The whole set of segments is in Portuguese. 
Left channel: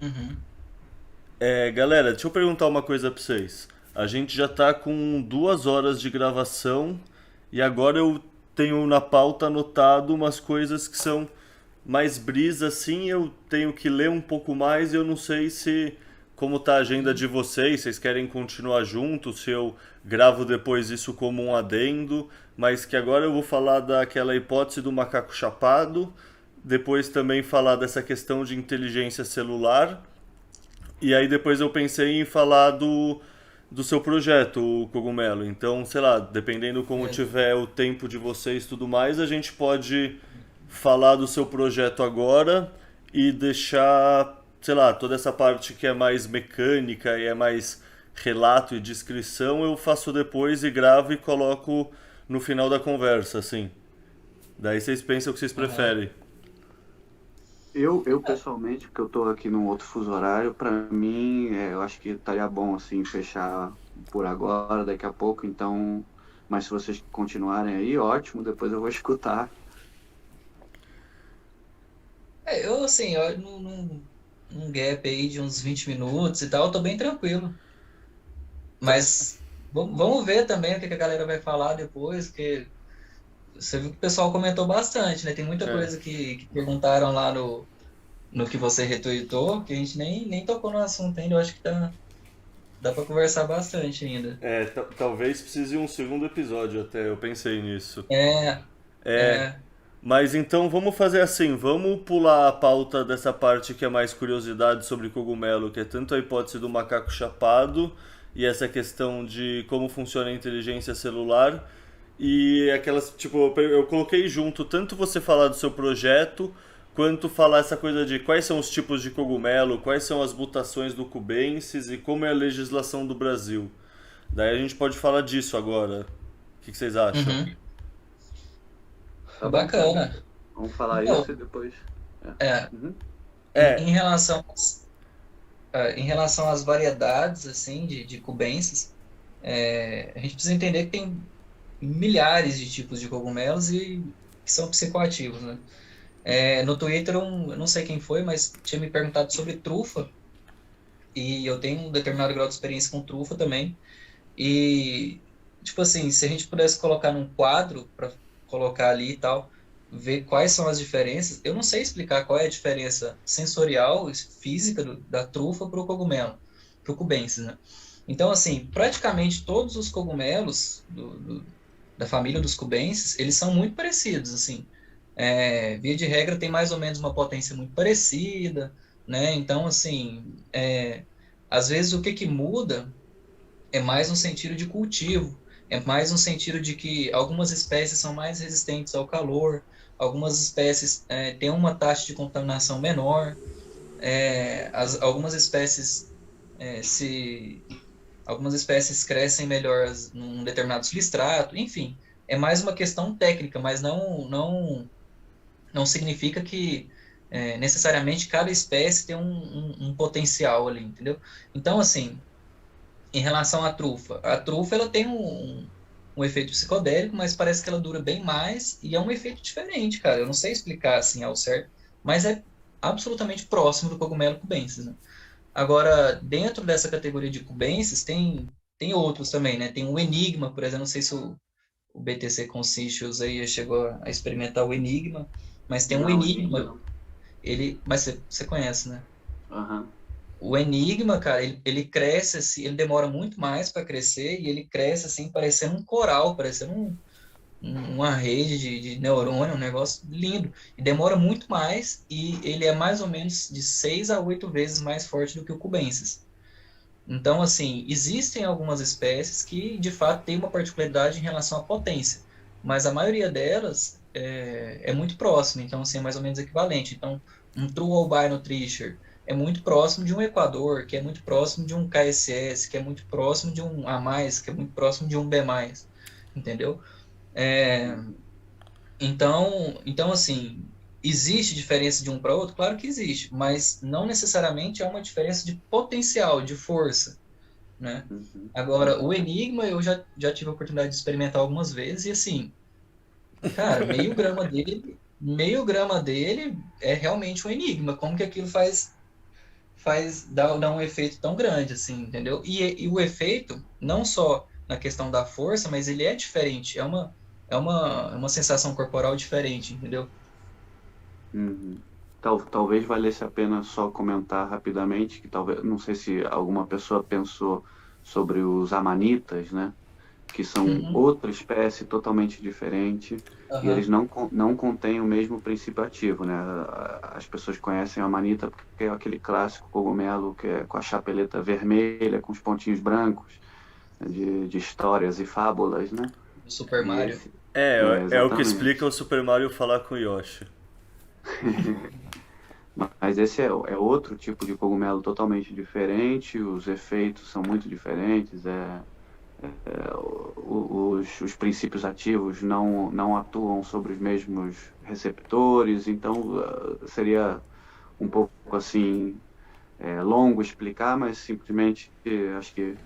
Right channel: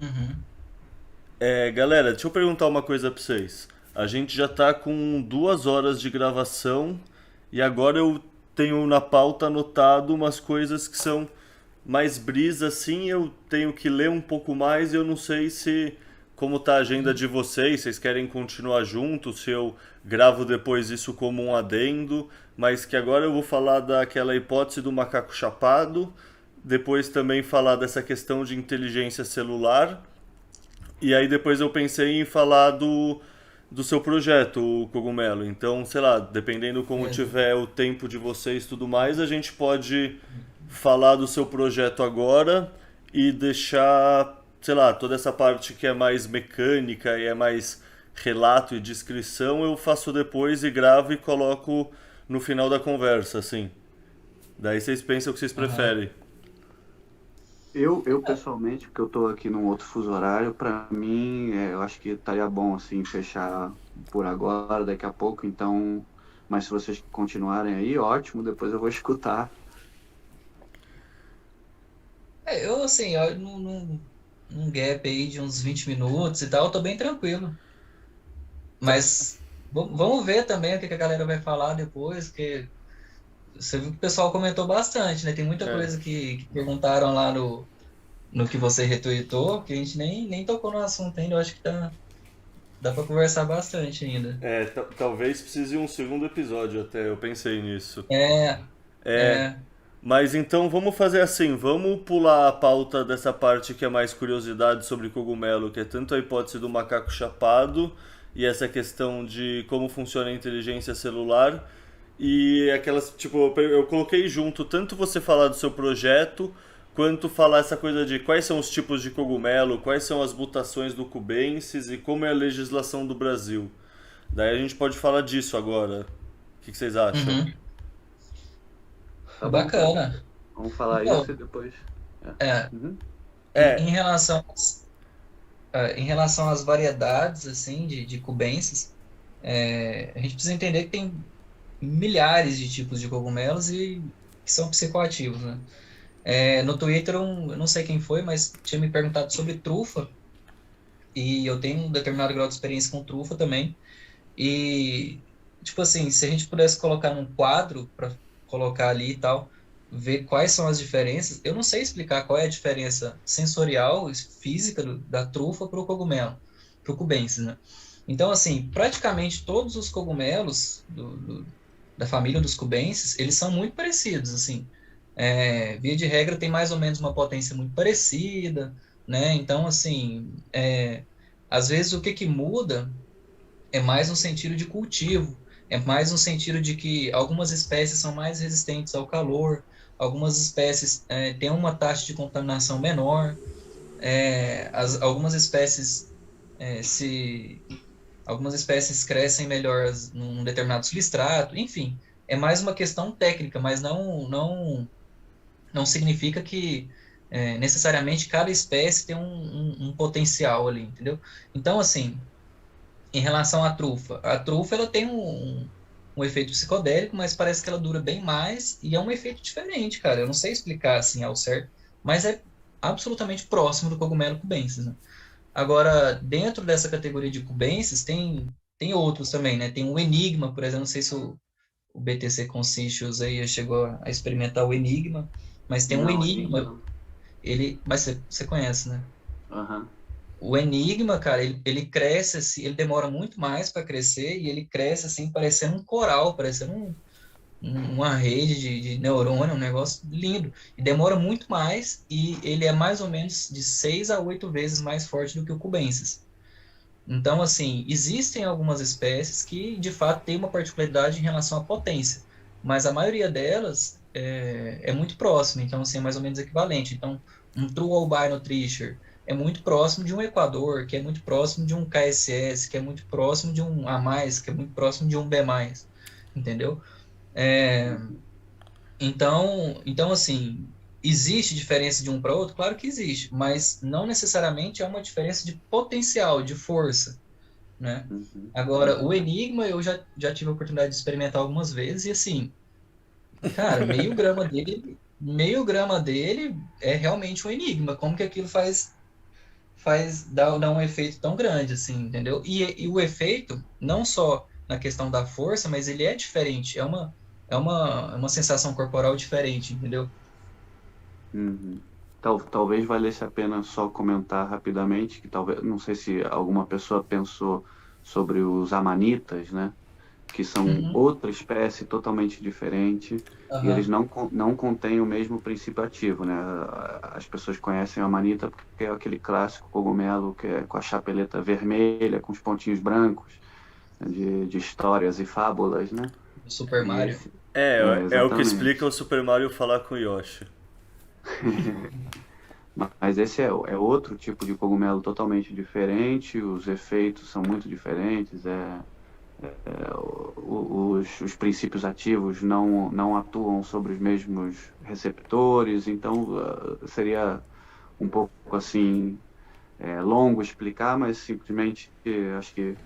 Uhum. Galera, deixa eu perguntar uma coisa pra vocês. A gente já tá com 2 horas de gravação e agora eu tenho na pauta anotado umas coisas que são mais brisa assim, eu tenho que ler um pouco mais e eu não sei se como tá a agenda de vocês, vocês querem continuar juntos, se eu gravo depois isso como um adendo, mas que agora eu vou falar daquela hipótese do macaco chapado, depois também falar dessa questão de inteligência celular e aí depois eu pensei em falar do seu projeto, o Cogumelo. Então, sei lá, dependendo como É. tiver o tempo de vocês e tudo mais, a gente pode falar do seu projeto agora e deixar, sei lá, toda essa parte que é mais mecânica e é mais relato e descrição, eu faço depois e gravo e coloco no final da conversa, assim. Daí vocês pensam o que vocês Aham. preferem. Eu pessoalmente, porque eu tô aqui num outro fuso horário, para mim, eu acho que estaria bom, assim, fechar por agora, daqui a pouco, então, mas se vocês continuarem aí, ótimo, depois eu vou escutar. Eu, assim, eu, num gap aí de uns 20 minutos e tal, eu tô bem tranquilo. Mas vamos ver também o que que a galera vai falar depois, porque você viu que o pessoal comentou bastante, né? Tem muita É. coisa que perguntaram lá no que você retweetou, que a gente nem tocou no assunto ainda. Eu acho que dá pra conversar bastante ainda. Talvez precise de um segundo episódio até, eu pensei nisso. É, É, é. mas então vamos fazer assim, vamos pular a pauta dessa parte que é mais curiosidade sobre cogumelo, que é tanto a hipótese do macaco chapado e essa questão de como funciona a inteligência celular e aquelas, tipo, eu coloquei junto tanto você falar do seu projeto quanto falar essa coisa de quais são os tipos de cogumelo, quais são as mutações do cubensis e como é a legislação do Brasil. Daí a gente pode falar disso agora. O que vocês acham? Uhum. Tá bom, tá bom. Bacana. Vamos falar isso e Então, depois. É. é, Uhum. em É, relação, em relação às variedades, assim, de cubensis, a gente precisa entender que tem milhares de tipos de cogumelos e que são psicoativos, né? No Twitter, eu não sei quem foi, mas tinha me perguntado sobre trufa, e eu tenho um determinado grau de experiência com trufa também. E, tipo assim, se a gente pudesse colocar num quadro para colocar ali e tal, ver quais são as diferenças, eu não sei explicar qual é a diferença sensorial, física da trufa para o cogumelo, para o cubensis, né? Então, assim, praticamente todos os cogumelos da família dos cubensis, eles são muito parecidos, assim. Via de regra, tem mais ou menos uma potência muito parecida, né? Então, assim, às vezes o que que muda é mais no sentido de cultivo, é mais no sentido de que algumas espécies são mais resistentes ao calor, algumas espécies têm uma taxa de contaminação menor, algumas espécies se algumas espécies crescem melhor num determinado substrato, enfim, é mais uma questão técnica, mas não significa que necessariamente cada espécie tem um potencial ali, entendeu? Então, assim, em relação à trufa, a trufa ela tem um efeito psicodélico, mas parece que ela dura bem mais e é um efeito diferente, cara. Eu não sei explicar assim ao certo, mas é absolutamente próximo do cogumelo cubensis, né? Agora, dentro dessa categoria de cubensis, tem outros também, né? Tem o enigma, por exemplo, não sei se o BTC Conscientious aí já chegou a experimentar o enigma, mas tem um Não, Enigma enigma, não. mas você conhece, né? Aham. O enigma, cara, ele cresce assim, ele demora muito mais para crescer e ele cresce assim, parecendo um coral, parecendo uma rede de neurônio, um negócio lindo. E demora muito mais e ele é mais ou menos de 6 a 8 vezes mais forte do que o cubensis. Então, assim, existem algumas espécies que de fato têm uma particularidade em relação à potência, mas a maioria delas é muito próxima, então, assim, é mais ou menos equivalente. Então, um True Albino Tricher é muito próximo de um Equador, que é muito próximo de um KSS, que é muito próximo de um A+, que é muito próximo de um B+, entendeu? É, Uhum. então, assim, existe diferença de um para outro? Claro que existe, mas não necessariamente é uma diferença de potencial, de força, né? Uhum. Agora, o Uhum. Enigma eu já tive a oportunidade de experimentar algumas vezes e assim, cara, meio grama dele é realmente um enigma. Como que aquilo dá um efeito tão grande, assim, entendeu? E o efeito, não só na questão da força, mas ele é diferente, é uma sensação corporal diferente, entendeu? Uhum. Talvez valesse a pena só comentar rapidamente que talvez, não sei se alguma pessoa pensou sobre os amanitas, né? Que são Uhum. outra espécie totalmente diferente e eles Aham. não contêm o mesmo princípio ativo, né? As pessoas conhecem a amanita porque é aquele clássico cogumelo que é com a chapeleta vermelha, com os pontinhos brancos, né, de histórias e fábulas, né? Do Super E Mario. esse, É o que exatamente. explica o Super Mario falar com o Yoshi. Mas esse é outro tipo de cogumelo totalmente diferente, os efeitos são muito diferentes, os princípios ativos não atuam sobre os mesmos receptores, então seria um pouco assim longo explicar, mas simplesmente acho que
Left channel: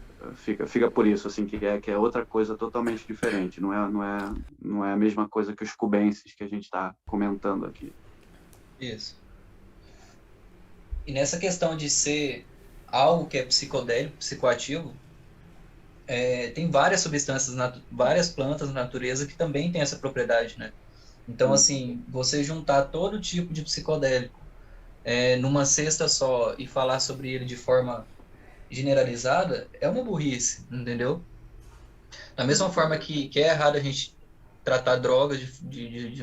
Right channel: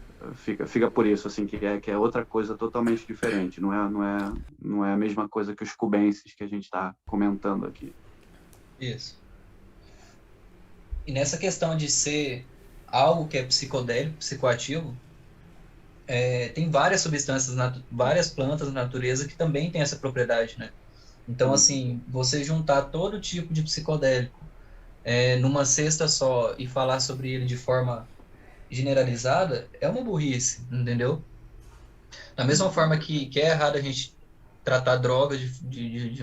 fica por isso, assim, que é outra coisa totalmente diferente, não é a mesma coisa que os cubenses que a gente está comentando aqui. Isso. E nessa questão de ser algo que é psicodélico, psicoativo, tem várias substâncias, várias plantas na natureza que também têm essa propriedade, né? Então, Uhum, assim, você juntar todo tipo de psicodélico numa cesta só e falar sobre ele de forma generalizada é uma burrice, entendeu? Da mesma uhum, forma que é errado a gente tratar drogas de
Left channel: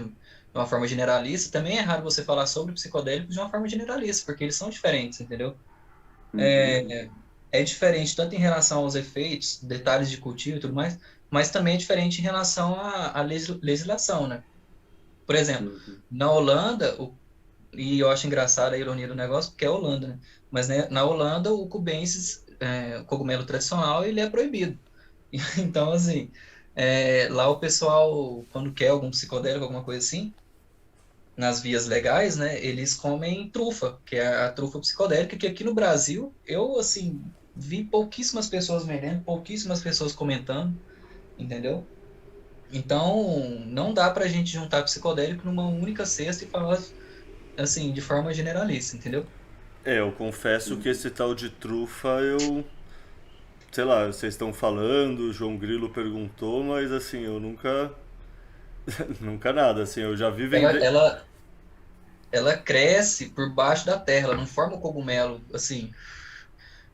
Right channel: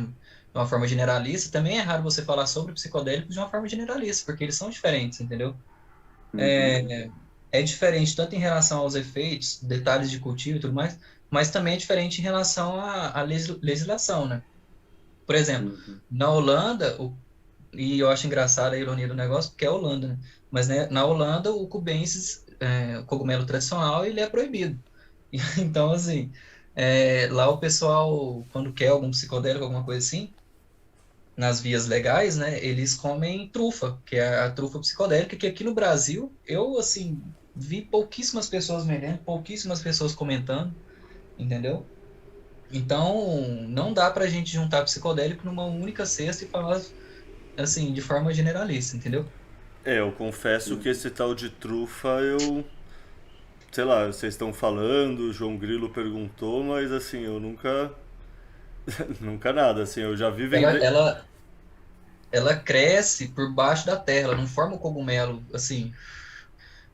uma forma generalista, também é errado você falar sobre psicodélicos de uma forma generalista, porque eles são diferentes, entendeu? uhum, É diferente tanto em relação aos efeitos, detalhes de cultivo e tudo mais, mas também é diferente em relação à legislação, né? Por exemplo, uhum, na Holanda, e eu acho engraçada a ironia do negócio, porque é Holanda, né? Mas né, na Holanda, o cubensis, o cogumelo tradicional, ele é proibido. Então, assim, lá o pessoal, quando quer algum psicodélico, alguma coisa assim, nas vias legais, né, eles comem trufa, que é a trufa psicodélica, que aqui no Brasil, eu, assim, vi pouquíssimas pessoas vendendo, pouquíssimas pessoas comentando, entendeu? Então, não dá pra gente juntar psicodélico numa única cesta e falar, assim, de forma generalista, entendeu? Eu confesso que esse tal de trufa eu. Sei lá, vocês estão falando, o João Grilo perguntou, mas assim, eu nunca. Nunca nada, assim, eu já vi Ela, vender. ela, ela cresce por baixo da terra, ela não forma o cogumelo, assim,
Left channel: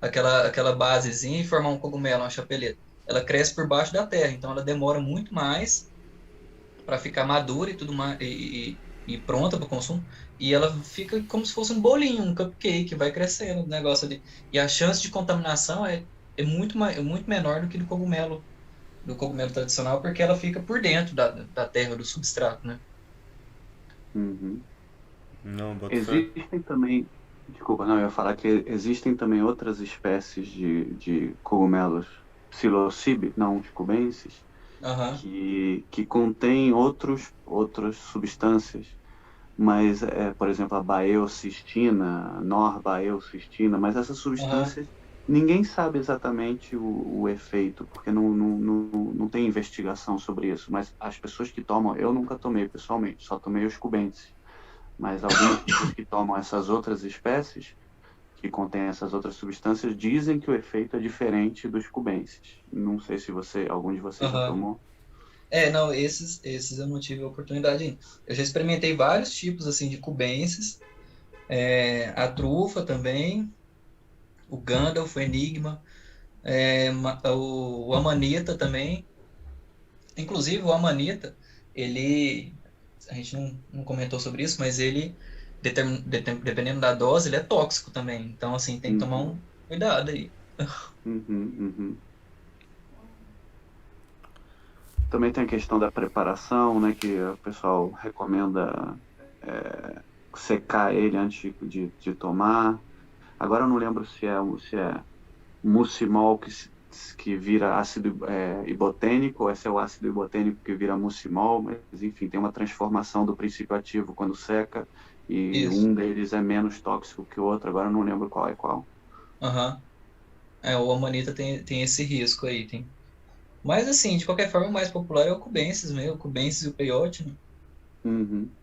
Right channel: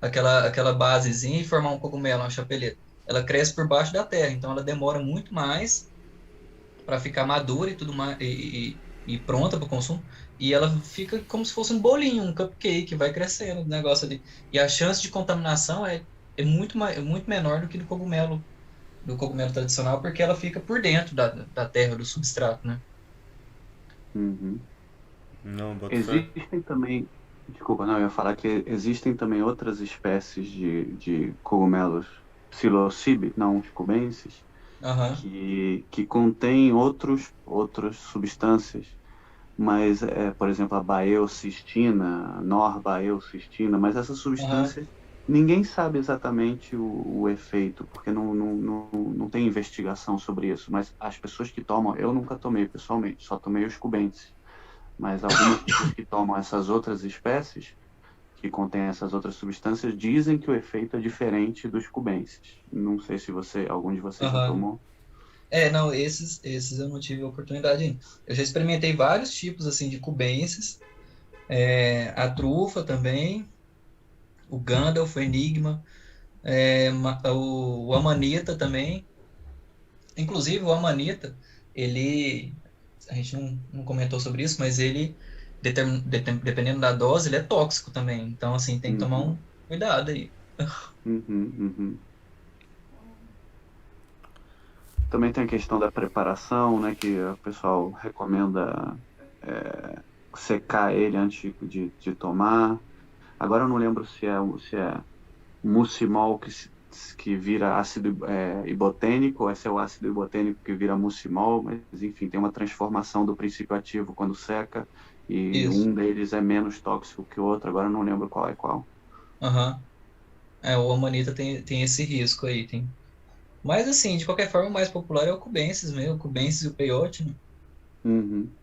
aquela basezinha e formar um cogumelo, uma chapeleta. Ela cresce por baixo da terra, então ela demora muito mais para ficar madura e tudo mais e pronta para o consumo. E ela fica como se fosse um bolinho, um cupcake, vai crescendo o negócio ali. E a chance de contaminação é muito menor do que do cogumelo tradicional, porque ela fica por dentro da terra, do substrato, né? uhum. Não, boto fé. Existem também, desculpa, não, eu ia falar que existem também outras espécies de cogumelos psilocybe, não os cubensis, Aham, que contêm outras substâncias, mas, por exemplo, a baeocistina, norbaeocistina, mas essas aham, substâncias ninguém sabe exatamente o efeito, porque não tem investigação sobre isso, mas as pessoas que tomam, eu nunca tomei pessoalmente, só tomei os cubensis, mas algumas pessoas que tomam essas outras espécies, que contêm essas outras substâncias, dizem que o efeito é diferente dos cubensis. Não sei se algum de vocês já aham. tomou. Não, esses eu não tive a oportunidade ainda. Eu já experimentei vários tipos, assim, de cubensis, a trufa também, o Gandalf, o Enigma, o Amanita também. Inclusive, o Amanita, ele, a gente não comentou sobre isso, mas ele, dependendo da dose, ele é tóxico também. Então, assim, tem que tomar Uhum, um cuidado aí. uhum, uhum. Também tem a questão da preparação, né, que o pessoal recomenda secar ele antes de tomar. Agora eu não lembro se é muscimol que vira ácido ibotênico, ou se é o ácido ibotênico que vira muscimol, mas enfim, tem uma transformação do princípio ativo quando seca, e Isso. um deles é menos tóxico que o outro, agora eu não lembro qual é qual. Aham. O Amanita tem esse risco aí, tem. Mas, assim, de qualquer forma, o mais popular é o Cubensis mesmo, o Cubensis e o Peyote, né? Uhum.